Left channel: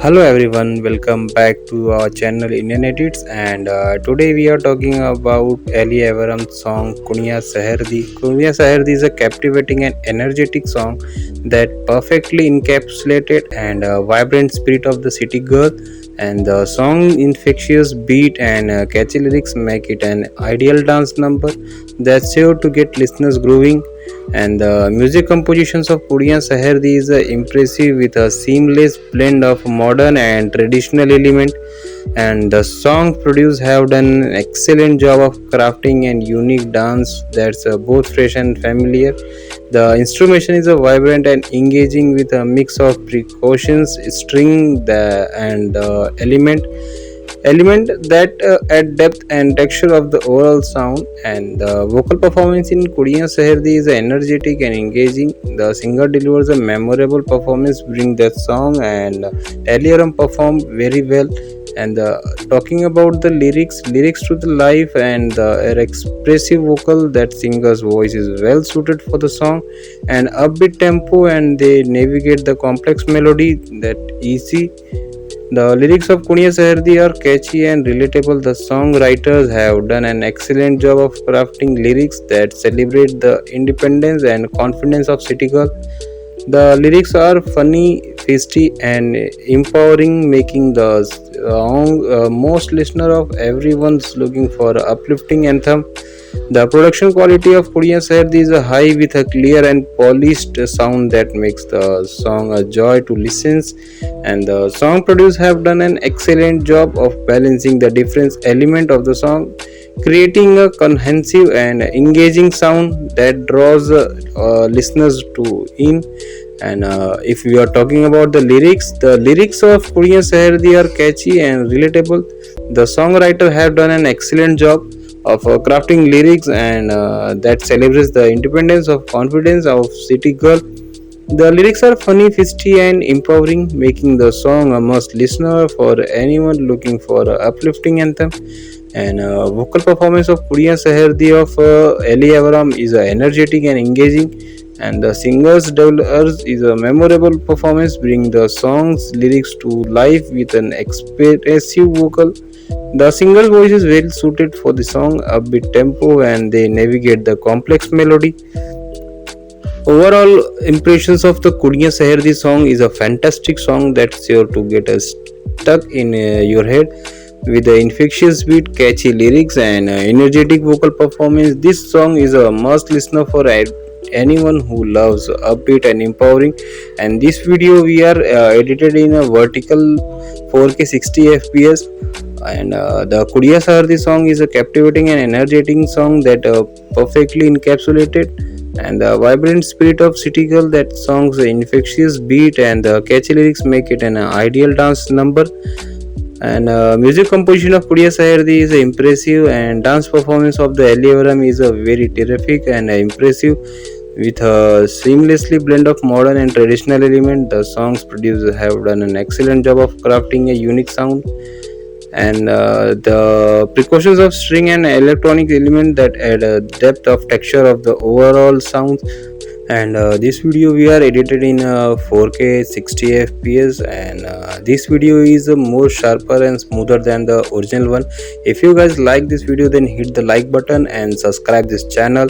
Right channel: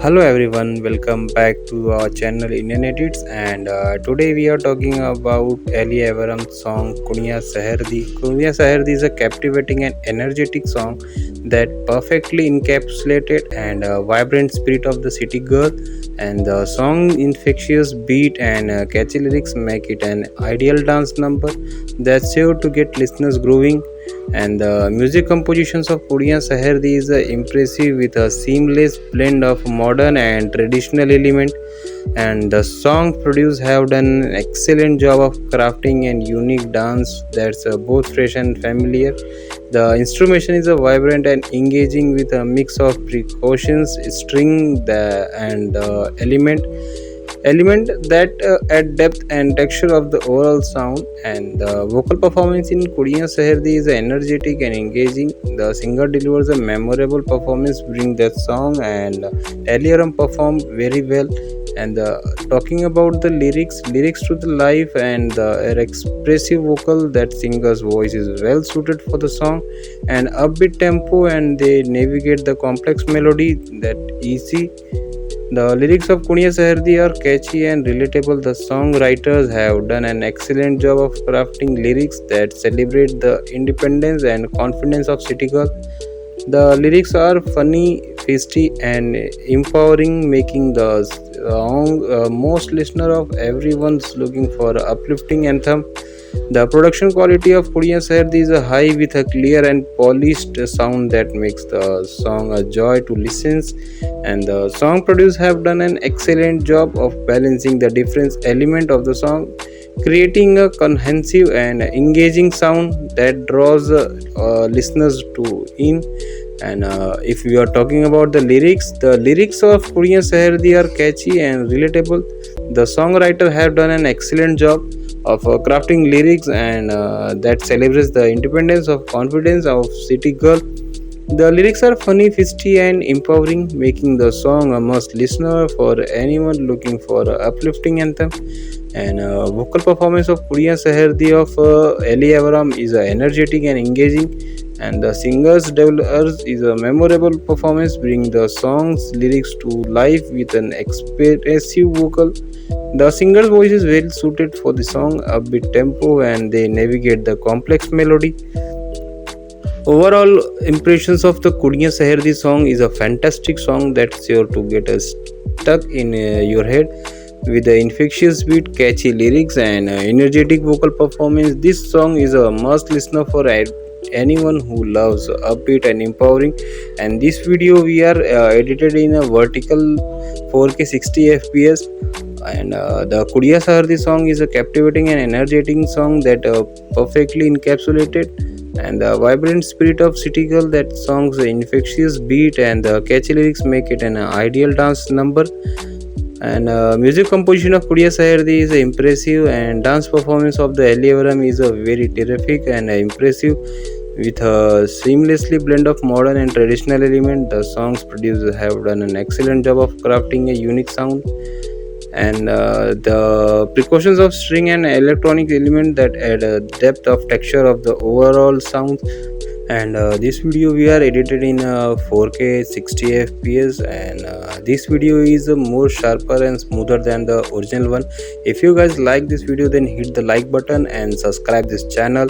Hello everyone, welcome back to our channel Indian Edits, and today we are talking about Ali Avaram's song Kuniya Saherdi. Kuniya Saherdi is a captivating and energetic song that perfectly encapsulated and vibrant spirit of the city girl, and the song infectious beat and catchy lyrics make it an ideal dance number that's sure to get listeners grooving. And the music compositions of Puriya Saherdi is impressive with a seamless blend of modern and traditional element, and the song producers have done an excellent job of crafting and unique dance that's both fresh and familiar. The instrumentation is a vibrant and engaging with a mix of precautions, string, and element that add depth and texture of the overall sound. And the vocal performance in Kuriya Saherdi is energetic and engaging. The singer delivers a memorable performance bring the song, and Eliaram performed very well. And talking about the lyrics to the life and the expressive vocal, that singer's voice is well suited for the song, and upbeat tempo, and they navigate the complex melody that easy. The lyrics of Kunya Saherdi are catchy and relatable. The songwriters have done an excellent job of crafting lyrics that celebrate the independence and confidence of city girl. The lyrics are funny, tasty, and empowering, making the song most listener of everyone's looking for a uplifting anthem. The production quality of Puriya Saherdi is a high with a clear and polished sound that makes the song a joy to listen. And the song producers have done an excellent job of balancing the different element of the song, creating a cohesive and engaging sound that draws listeners to in. And if we are talking about the lyrics of Puriya Saherdi are catchy and relatable. The songwriter have done an excellent job of crafting lyrics and that celebrates the independence of confidence of city girl. The lyrics are funny, fisty, and empowering, making the song a must listener for anyone looking for an uplifting anthem. And vocal performance of Puriya Saherdi of Ali Avaram is energetic and engaging, and the singer's developers is a memorable performance, bring the song's lyrics to life with an expressive vocal. The singer's voice is well suited for the song, upbeat tempo, and they navigate the complex melody. Overall impressions of the Kuriya Saherdi song is a fantastic song that's sure to get us stuck in your head. With the infectious beat, catchy lyrics, and energetic vocal performance, this song is a must listener for anyone who loves upbeat and empowering. And this video we are edited in a vertical 4K 60 fps, and the Kuriya Saherdi song is a captivating and energetic song that perfectly encapsulated and the vibrant spirit of city girl. That song's infectious beat and the catchy lyrics make it an ideal dance number. And music composition of Puriya Saherdi is impressive, and dance performance of the Ali Avaram is a very terrific and impressive with a seamlessly blend of modern and traditional element. The songs producers have done an excellent job of crafting a unique sound, and the precautions of string and electronic element that add a depth of texture of the overall sound. And this video we are edited in 4K 60 fps, and this video is more sharper and smoother than the original one. If you guys like this video, then hit the like button and subscribe this channel.